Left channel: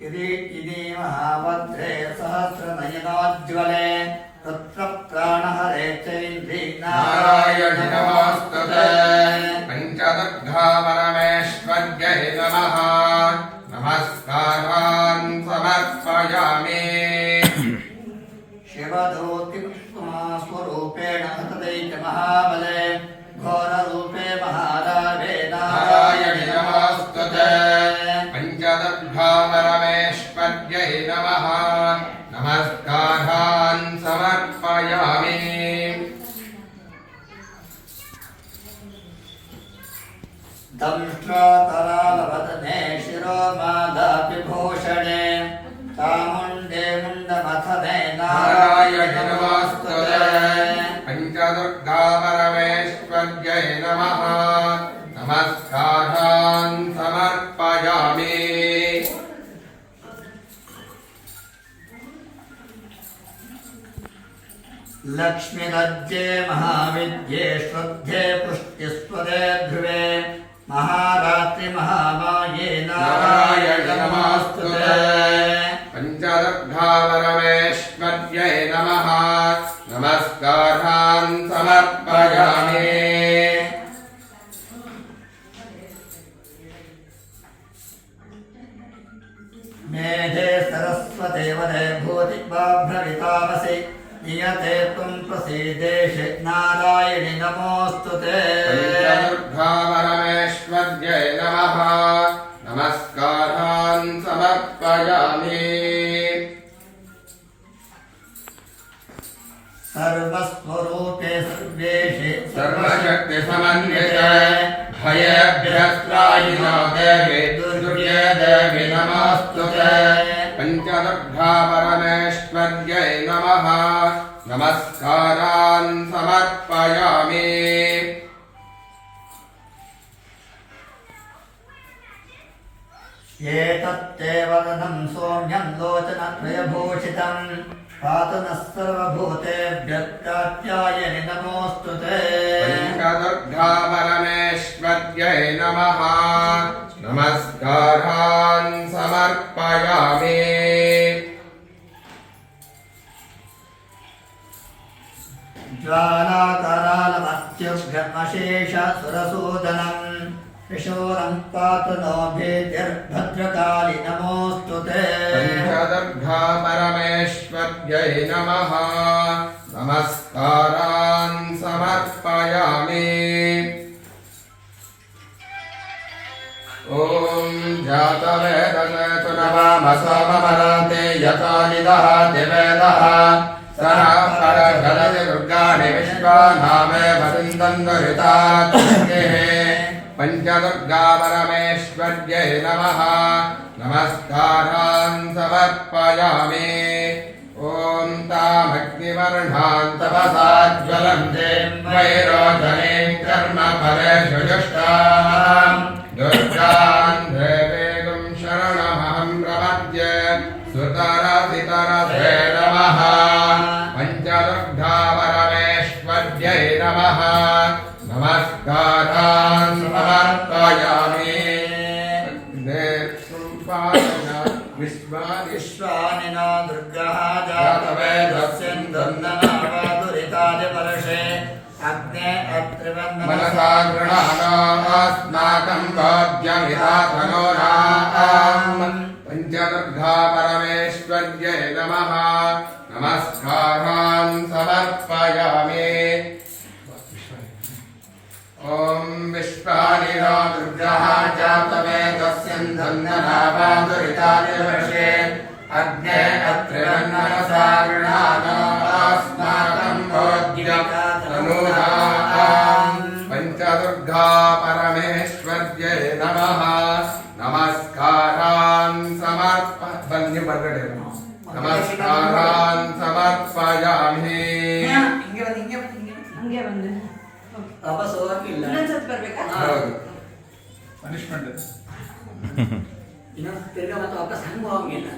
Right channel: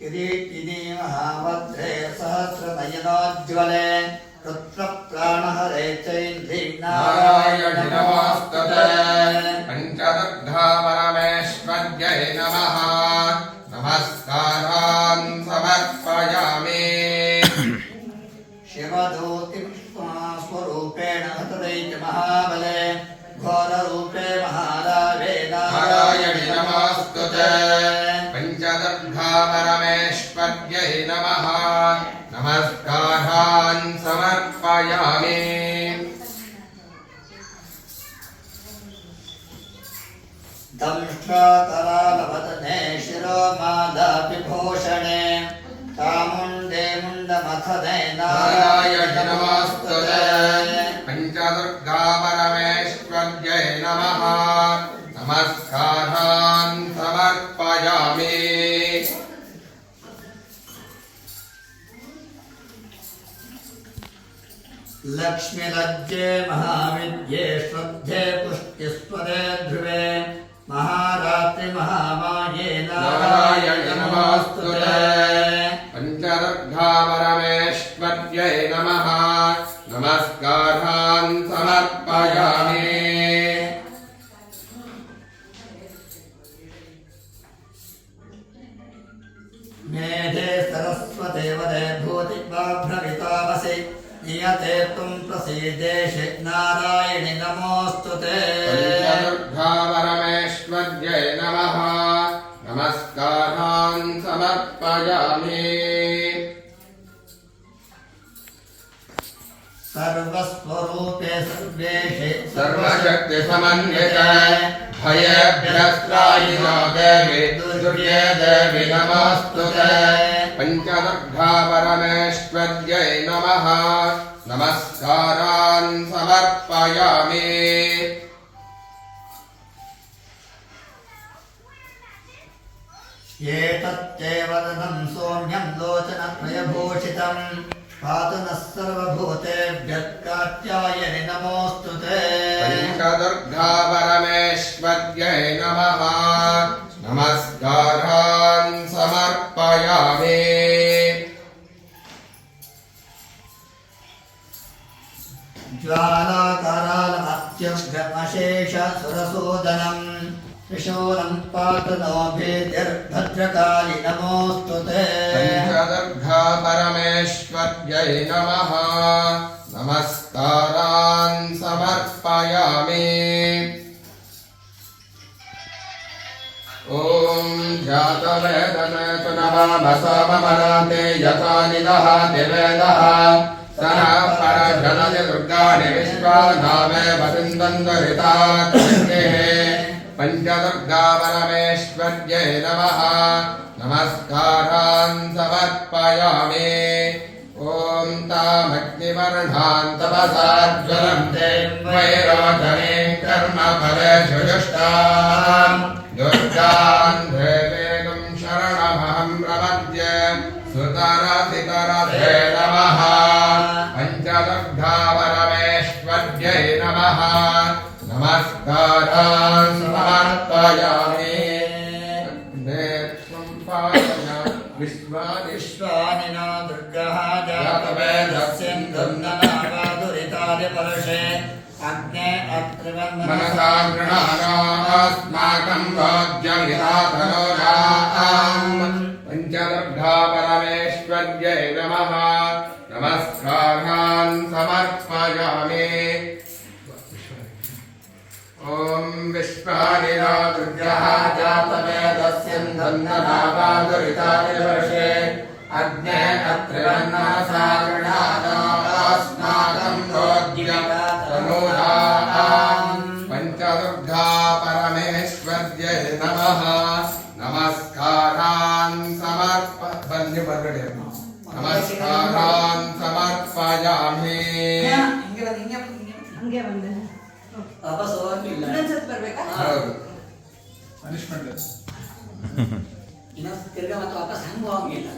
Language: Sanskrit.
किरीटिनी महाभद्रे सहस्रनयनोज्ज्वले रुद्रप्राणहरे चैन्द्री नारायण नमोस्तुते पञ्चदुर्गा परमेश्वर्यै नमः नमस्कारान् समर्पयामि शिवदूति स्वरूपेण हतदैत्य महाबले घोररूपे महारावे नारायण नमोस्तुते पञ्चदुर्गा परमेश्वर्यै नमः नमस्कारान् समर्पयामि दंष्ट्राकरालवदने शिरोमालाविभूषणे चामुण्डे मुण्डमथने नारायण नमोस्तुते पञ्चदुर्गा परमेश्वर्यै नमः नमस्कारान् समर्पयामि लक्ष्मीलज्जे महाविद्ये श्रद्धे पुष्टिस्वदे ध्रुवे महारात्रि महामाये नारायण नमोस्तुते पञ्चदुर्गा परमेश्वर्यै नमः नमस्कारान् समर्पयामि मेधे सरस्वते वदे भूतिवाभ्रवितावसि नियते त्वं प्रसीदेशे नारायणि नमोस्तुते पञ्चदुर्गा परमेश्वर्यै नमः नमस्कारान् समर्पयामि सर्वस्वरूपे सर्वेशे सर्वशक्तिसमन्विते भयेभ्यस्त्रायिनो देवी दुर्गे देवी नमोस्तुते पञ्चदुर्गा परमेश्वर्यै नमः नमस्कारान् समर्पयामि एतत्ते वदनं सौम्यं लोचनत्रयभूषितम् पातु नः सर्वभूतेभ्यः कात्यायनि नमोऽस्तुते पञ्चदुर्गा परमेश्वर्यै नमः नमस्कारान् समर्पयामि ज्वालाकरालमत्यभ्यमशेषसुरसूदनम् त्रिशूलं पातु नो भेद्यर्भद्रकाली नमोऽस्तुते पञ्चदुर्गा परमेश्वर्यै नमः नमस्कारान् समर्पयामि ॐ जातवेदनेतु नवामसोममराते यथा निदहाति वेदः सनः परजलति दुर्गाणि विश्वानामे वसिन्दन्दुरितात्मन्येः पञ्चदुर्गा परमेश्वर्यै नमः नमस्कारान् समर्पयामि ॐ तामग्निवर्णान् तपसाज्वलन्ते वैरोचनीं कर्मफलेषु जुष्टाम् दुर्गान् देवेदं शरणमहं प्रपद्ये सुतरसितरसे नमः पञ्चदुर्गा परमेश्वर्यै नमः नमस्कारान् समर्पयामि विश्वानि नो दुर्गः जातवेदस्यन्दुर्ननावादुरितादिवर्षे अग्ने अत्रिवन्दनं मनसा गृह्णानास्माकं भोज्यमिहातनोनाम् पञ्चदुर्गा परमेश्वर्यै नमः नमस्कारान् समर्पयामि ॐ विश्वानि नो दुर्गः जातवेदस्यन्दुर्ननावादुरितादिवर्षे अग्ने अत्रिवन्नमसा गृह्णानास्माकं भोज्यमिहातनोनाम् पञ्चदुर्गा परमेश्वर्यै नमः नमस्कारान् नमस्कारान् समर्पयामि ವಾಪಸ್ ಹೋಗಕ್ಕಿಲ್ಲ ಪನಿಷ್ಮೆಂಟ್ ಇನ್ನೊಂದು ತಿರ್ಗಾ ಮತ್ತೆ ವಾಪಸ್ ಹಂಗೆ ಹೋಗಂಗಿಲ್ಲ